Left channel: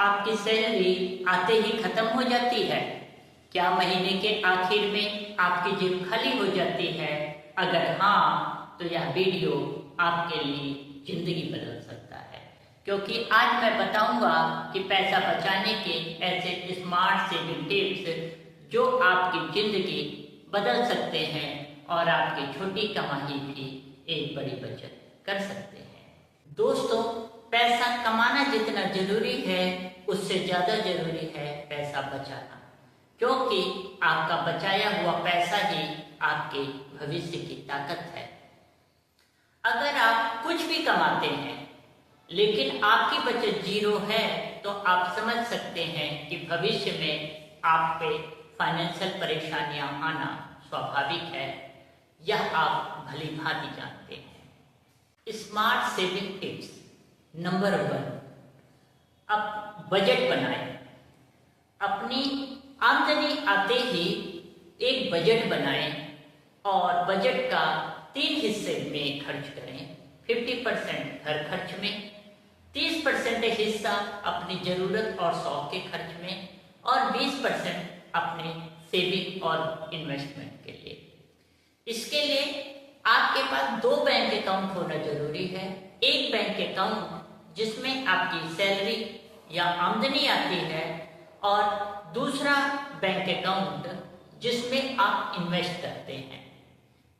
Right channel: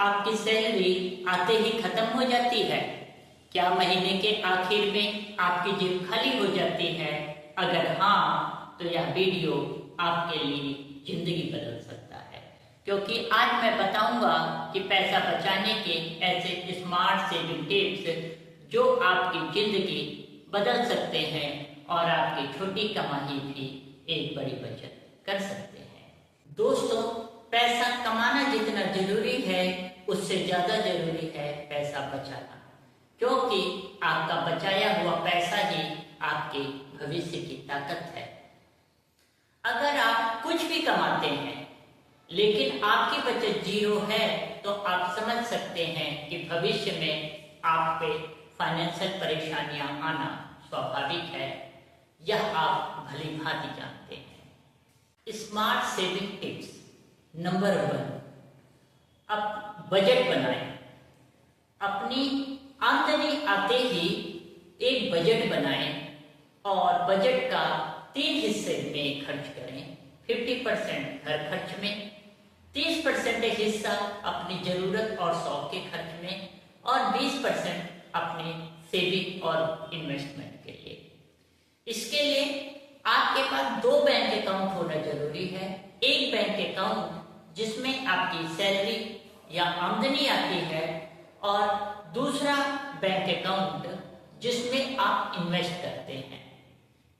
आपकी सैलरी आते ही खत्म हो जाती है? क्या महीने के आखिर में आपकी जेब खाली हो जाती है? अगर हाँ, तो यह वीडियो आपके लिए जिंदगी बदल सकता है, क्योंकि आज मैं बताऊंगा कि पैसा बचाने के ऐसे स्मार्ट सेविंग टिप्स जो आपकी जिंदगी बदल सकते हैं और आपकी छोटी कमाई भी एक बड़ी बचत कर सकते हैं। दोस्तों, पैसा कमाना जितना जरूरी है उससे ज्यादा जरूरी है पैसा बचाना, क्योंकि आपका बचाया हुआ पैसा ही आपके भविष्य की ताकत है। अगर आप कुछ भी कमाते हैं लेकिन आपकी बचत जीरो है तो आप समझ सकते हैं कि भविष्य में आप पे फाइनेंशियल परेशानियां आना स्वाभाविक है। यह आप भली भांति जानते हैं। स्मार्ट सेविंग टिप्स नंबर 1, अब बजट बनाएं। अपनी आमदनी आते ही एक बजट बनाएं और बजट का 3 हिस्से में खर्च करें। 50% घर खर्च में, 30% हिस्सा अपनी जरूरत और शौक के खर्च में और 20% अपने सेविंग और इन्वेस्टमेंट के लिए। इसके लिए आपके पास 2 बैंक अकाउंट होना जरूरी है। एक बैंक अकाउंट जिसमें आपकी सैलरी या आमदनी आती है और दूसरा बैंक अकाउंट जिसमें आप इन्वेस्ट करते हैं।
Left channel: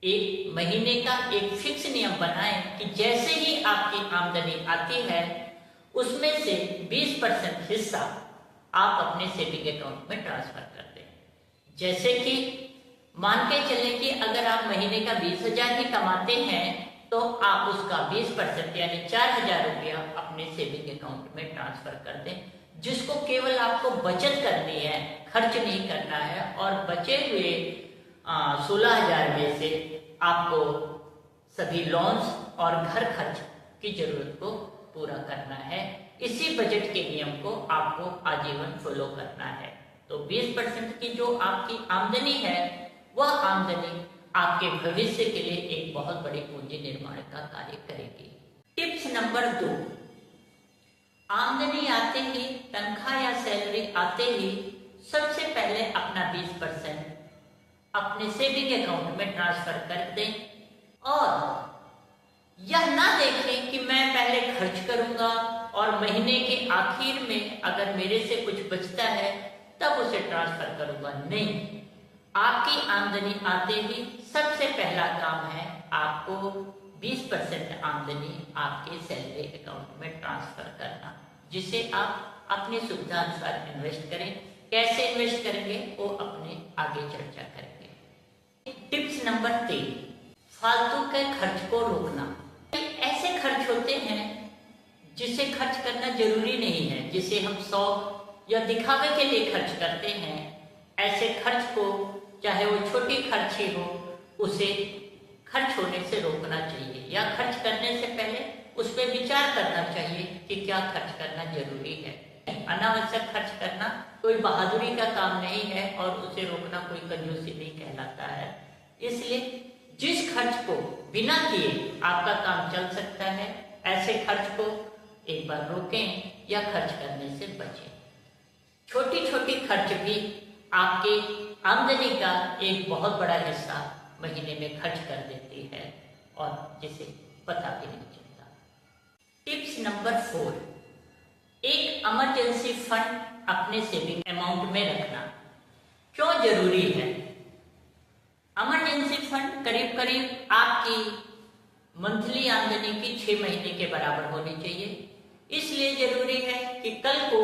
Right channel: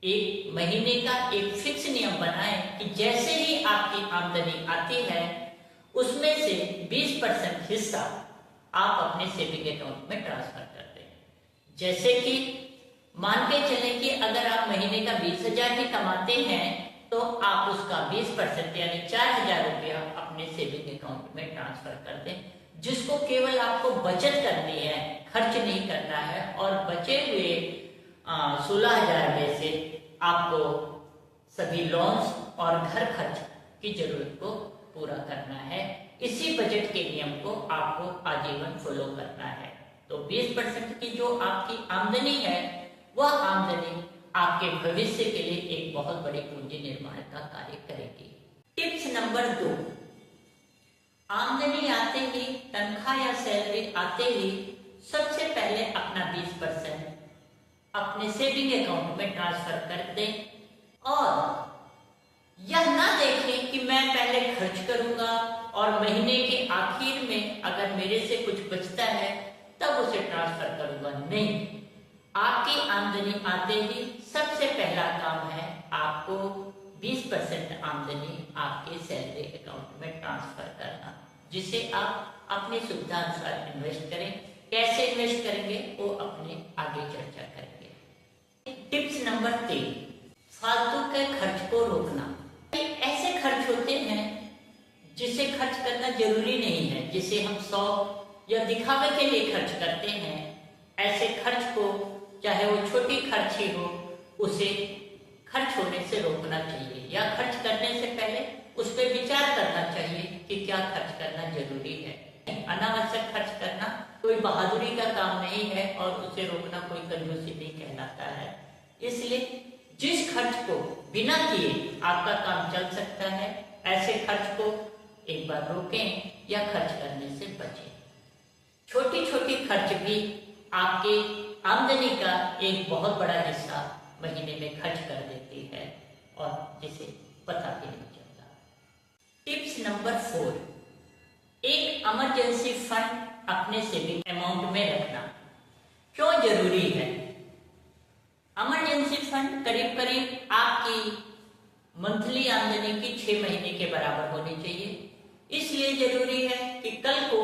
एक महीने का एक फिक्स नियम बनाएं कि जैसे ही आपकी आमदनी आती है उसमें से 20% हिस्सा आप अपने सेविंग अकाउंट में ट्रांसफर कर दें। जैसे कि मान के चलें कि अगर आप महीने का 20,000 भी कमाते हैं तो आप उसका 20% यानी 4,000 रुपया अपने सेविंग अकाउंट में ट्रांसफर कर दें, जिसको केवल आपको बचत करनी है, खर्च नहीं करना है। और बचे हुए 16,000 में से आपको सभी लोन्स और घर खर्च की जरूरत को पूरा करना है। इसी बजट के नियम को आपको आजीवन फॉलो करना है। तो 20% की जो आपकी आमदनी है वह आमदनी आपके भविष्य के लिए एक बहुत बड़ी पूंजी निर्माण का कार्य करेगी। टिप्स नंबर 2, आमदनी आते ही, तनख्वाह या सैलरी आते ही सबसे पहले अपना 20% अपने सेविंग अकाउंट में ट्रांसफर कर दें और यह ना देखें कि मैं पहले खर्च करूंगा और महीने के आखिर में अगर मेरे से कुछ बचता है तब उसे ट्रांसफर करूंगा। नहीं, आपकी आमदनी आते ही सबसे पहला काम है आपको 20% आमदनी आपके सैलरी अकाउंट में ट्रांसफर करना, जिसे आप अपनी सुविधा अनुसार इन्वेस्ट करें। कैसे इन्वेस्ट करेंगे वो अपने आगे चर्चा करेंगे। टिप्स नंबर 3, फालतू के खर्च को रोकना। ऐसे खर्च होते हैं जिसे खर्च करना जरूरी नहीं है, जिसे हम शौक या दिखावे के लिए खर्च करते हैं। ऐसे खर्च को, चाहे वो छोटी खर्च ही हो, उसे खर्च होने से रोकना चाहिए या खर्च करने से पहले उस पर विचार करना चाहिए कि क्या खर्च करना जरूरी है। अनावश्यक खर्च करना कोई बहादुरी का काम नहीं है और उसे रोकना कोई कंजूसी नहीं कहलाता है। इसलिए जिस खर्च को बिना किए आपका काम चल सकता है, ऐसे खर्च को एक बार रोकें या खर्च करने से बचें। छोटी छोटी खर्च भी आपके आमदनी का एक बहुत बड़ा हिस्सा महीने में खर्च कर देती है और जिसे पता भी नहीं चलता। टिप्स नंबर 4, एक इमरजेंसी फंड अपने सेविंग अमाउंट में रखना। क्यों जरूरी है? इमरजेंसी फंड करीब करीब आपकी मंथली आमदनी की 6 महीने के बराबर होनी चाहिए। इसलिए जरूरी है कि कल को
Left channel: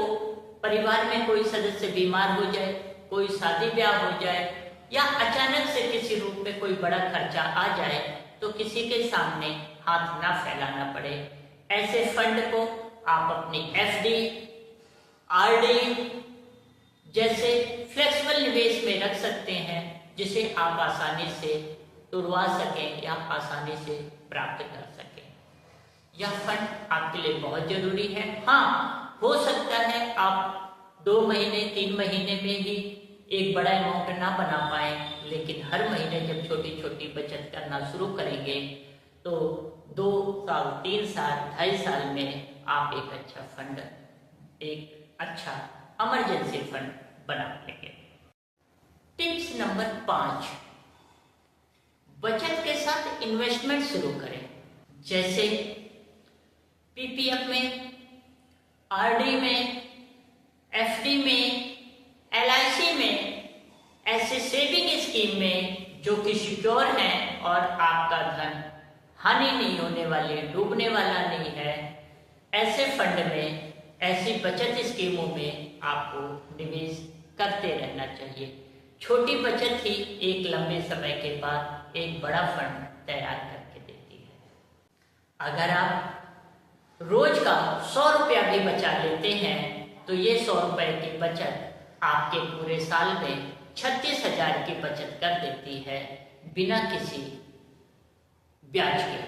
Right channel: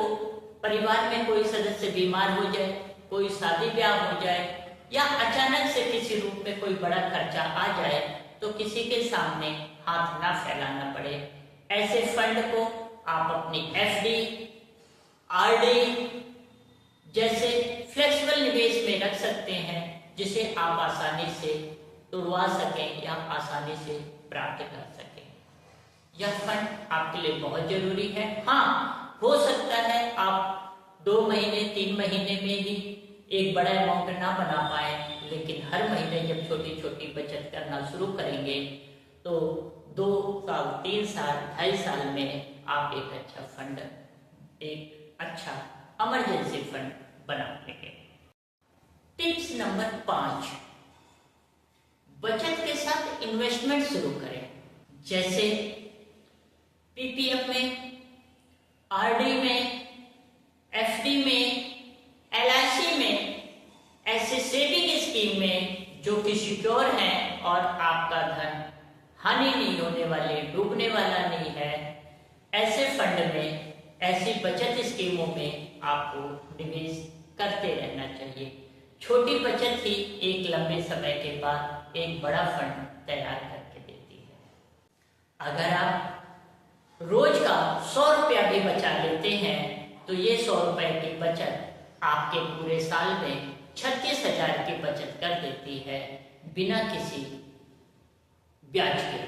परिवार में कोई सदस्य बीमार हो जाए, कोई शादी ब्याह हो जाए या अचानक से किसी रूप में कोई बड़ा खर्चा आ जाए तो किसी के सामने हाथ ना फैलाना पड़े। ऐसे फंड को आप अपनी FD, RD जैसे फ्लेक्सिबल निवेश में रख सकते हैं, जिसे आप आसानी से तुड़वा सकें या आसानी से प्राप्त कर सकें। यह फंड आपके लिए बहुत जरूरी है। हाँ, हो सकता है आप 2 महीने 3 महीने में ही एक बड़ा अमाउंट ना बना पाए, लेकिन हर महीने जब छोटी छोटी बचत करना शुरू करेंगे तो 2 साल, 3 साल, 2.5 साल में आप एक अच्छा फंड, एक अच्छा इमरजेंसी फंड बना लेंगे। टिप्स नंबर 5, बचत के साथ इन्वेस्टमेंट शुरू करें, जैसे पीपीएफ में, आरडी में, एफडी में, एलआईसी में, ऐसे सेविंग स्कीम में जो कि सिक्योर हैं और आपका धन हानि नहीं होने वाली, डूबने वाला नहीं है, ऐसे फंड में, ऐसी बचत स्कीमों में आपको निवेश करते रहना चाहिए। छोटी बचत ही एक लंबे समय के बाद एक बड़ा फंड तैयार करके देती है। अगर आप रोज का 100 रुपया भी बचा लेते हैं तो ये 100 रुपए की बचत आपके पूरे साल में 36,000 की बचत कर देती है, बिना किसी ब्याज के।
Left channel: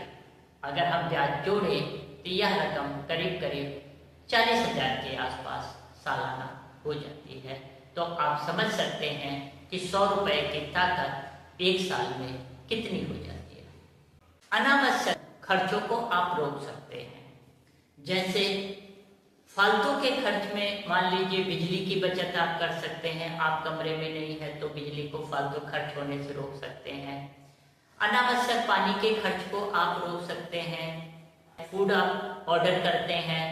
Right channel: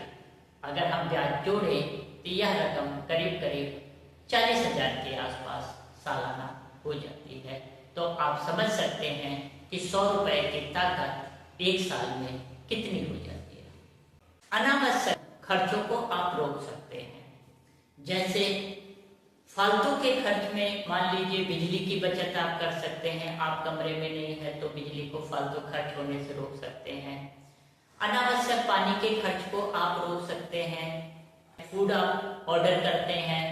अगर हम ब्याज जोड़े तो यह रकम करीब करीब 40,000 के आसपास सालाना हो जाती है। तो आप समझ सकते हैं कि 100 रुपए की ताकत एक साल में कितनी हो जाती है। अनावश्यक खर्चों को आप रोक सकते हैं, जैसे फालतू के खर्च में मान लीजिए बिजली की बचत आप कर सकते हैं। आप कमरे में नहीं है तो बिजली को फालतू खर्च होने से रोक सकते हैं। अनावश्यक पानी के खर्च को आप रोक सकते हैं। फूड आप ऑर्डर करते हैं,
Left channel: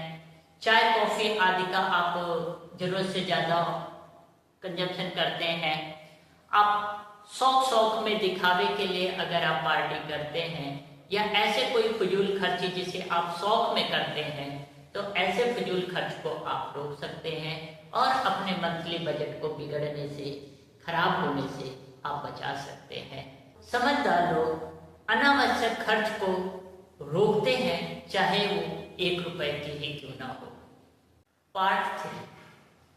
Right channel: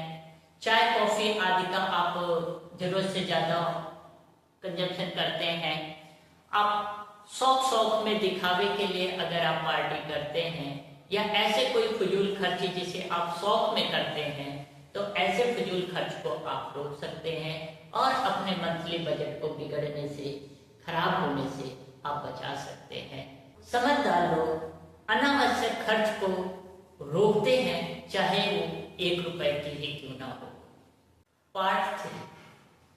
चाय कॉफी आदि का आप जरूरत से ज्यादा कंजप्शन करते हैं। आप शौक में दिखावे के लिए अगर आप पार्टी करते हैं या ऐसे कोई फजूल खर्च जिसे आप शौक में करते हैं, तो ऐसे फजूल खर्च को आप रोक सकते हैं और अपने मंथली बजट को बिगड़ने से, खराब होने से आप बचा सकते हैं। समझदार लोग अनावश्यक खर्च को रोकते हैं, चाहे वो 1 रुपए की ही क्यों ना हो। पार्ट 3,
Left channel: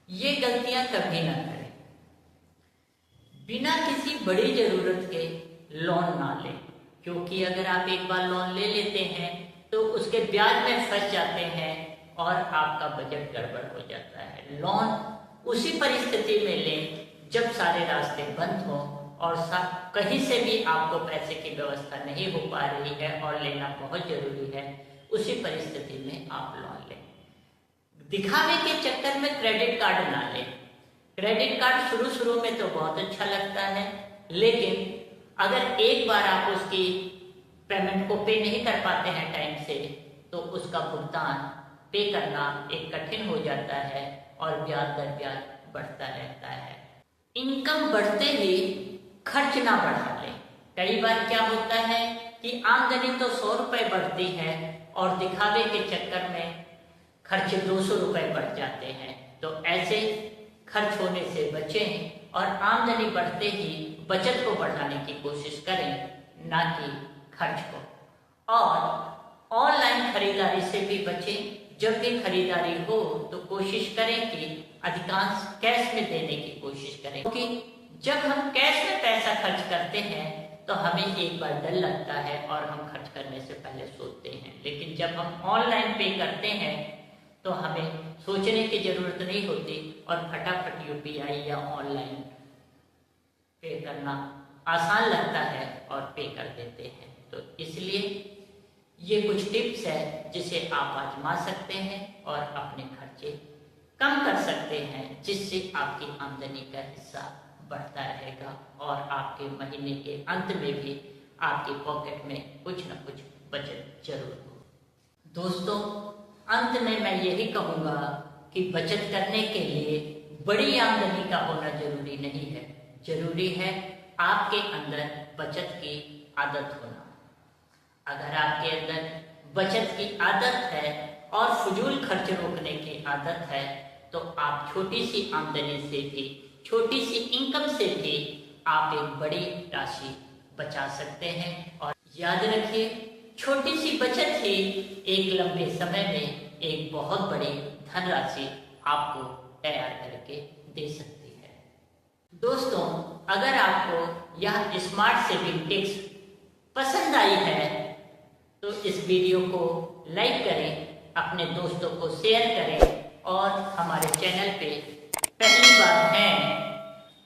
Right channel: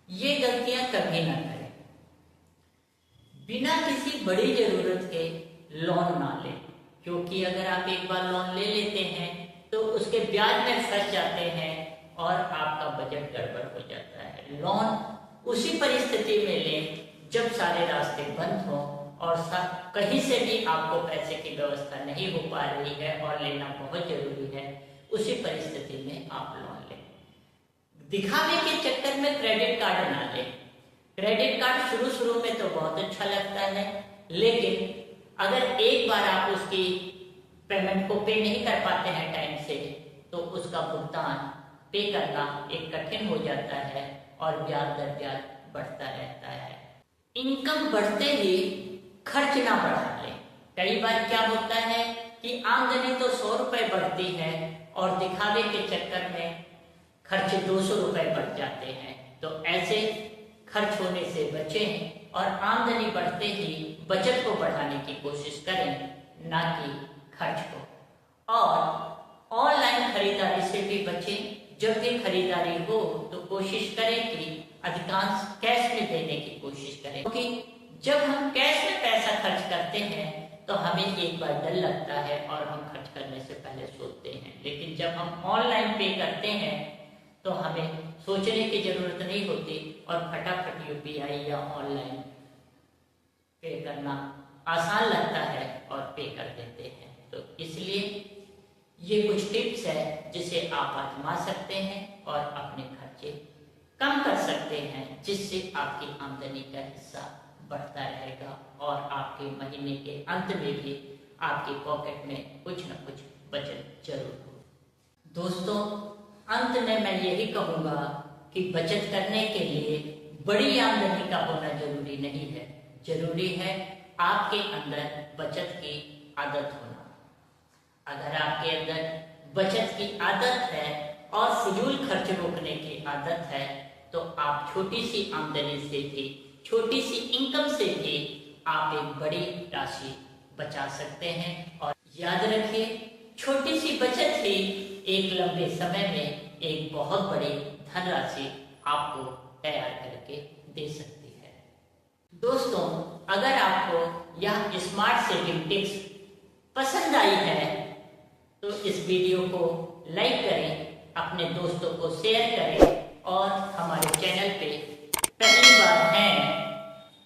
ये गलतियां कभी ना करें। बिना किसी बड़ी जरूरत के लोन ना लें, क्योंकि अगर आप एक बार लोन ले लेते हैं तो उसके ब्याज में फंस जाते हैं और आपका बजट गड़बड़ हो जाता है। लोन उसी परिस्थिति में लें जब सारे रास्ते बंद हों और कहीं से भी आपको पैसे की व्यवस्था नहीं हो पा रही है और लेना बहुत जरूरी है, उसी परिस्थिति में आप लोन लें। दिखावे के चक्कर में क्रेडिट कार्ड ना लें। क्रेडिट कार्ड शुरू में तो बहुत अच्छा लगता है, लेकिन अगर एक बार आप उसकी पेमेंट को पे नहीं कर पाते हैं टाइम से, तो उसका भुगतान पे करना एक कठिन हो जाता है और ब्याज दर ब्याज बढ़ता रहता है। इनकम बढ़ते ही खर्च ना बढ़ा लें। कई बार क्या होता है कि आमदनी तो 100 रुपए बढ़ती है और दिखावे के चक्कर में खर्च 200 रुपए बढ़ जाते हैं। तो ऐसे खर्च होने से बचें और आमदनी बढ़ते ही बचत को बढ़ाने की कोशिश करें, ना कि खर्च को। और ऑनलाइन खरीदारी से भी बचें। जब भी खरीदारी हो तो कोशिश करें कि अधिकांश कैश में देने की कोशिश करें, क्योंकि जब हम कैश में पैसा खर्च करते हैं तो हमें एक बार डर लगता है और हम खर्च करने से पहले सोचते हैं, लेकिन जब हम ऑनलाइन पे करते हैं तो हमें सोचने की जरूरत नहीं होती और फटाफट यूपीआई या ऑनलाइन पे करना आसान लगता है और पे कर देते हैं। तो इसलिए ये कुछ टिप्स है जिसे आप आजमा सकते हैं और अपने खर्चे कम कर सकते हैं, जिससे आपकी आमदनी का हिस्सा बढ़ता रहेगा और आपके महीने के अंत में भी आपकी पॉकेट में कुछ न कुछ बचत जरूर हो। दोस्तों, अंत में मैं यही कहूँगा कि बचत करने के लिए बड़ी आमदनी का होना जरूरी नहीं है, जरूरी है आपके अंदर बचत की आदत होना। अगर आपके अंदर बचत की आदत है और फजूल खर्च रोकने की आदत है, तो आप छोटी सी आमदनी से भी, छोटी सी इनकम से भी आप एक बड़ी राशि बचा सकते हैं। और याद रखिए, छोटी सी बचत ही एक लंबे समय में एक बहुत बड़ी धनराशि आपको तैयार करके दे सकती है। दोस्तों, अगर आपको यह स्मार्ट सेविंग टिप्स पसंद आई है तो इस वीडियो को लाइक करें, अपने दोस्तों को शेयर करें और हमारे चैनल पे पहली बार हैं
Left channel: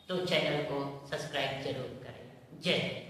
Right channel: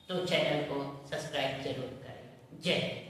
तो चैनल को सब्सक्राइब जरूर करें। जय हिंद।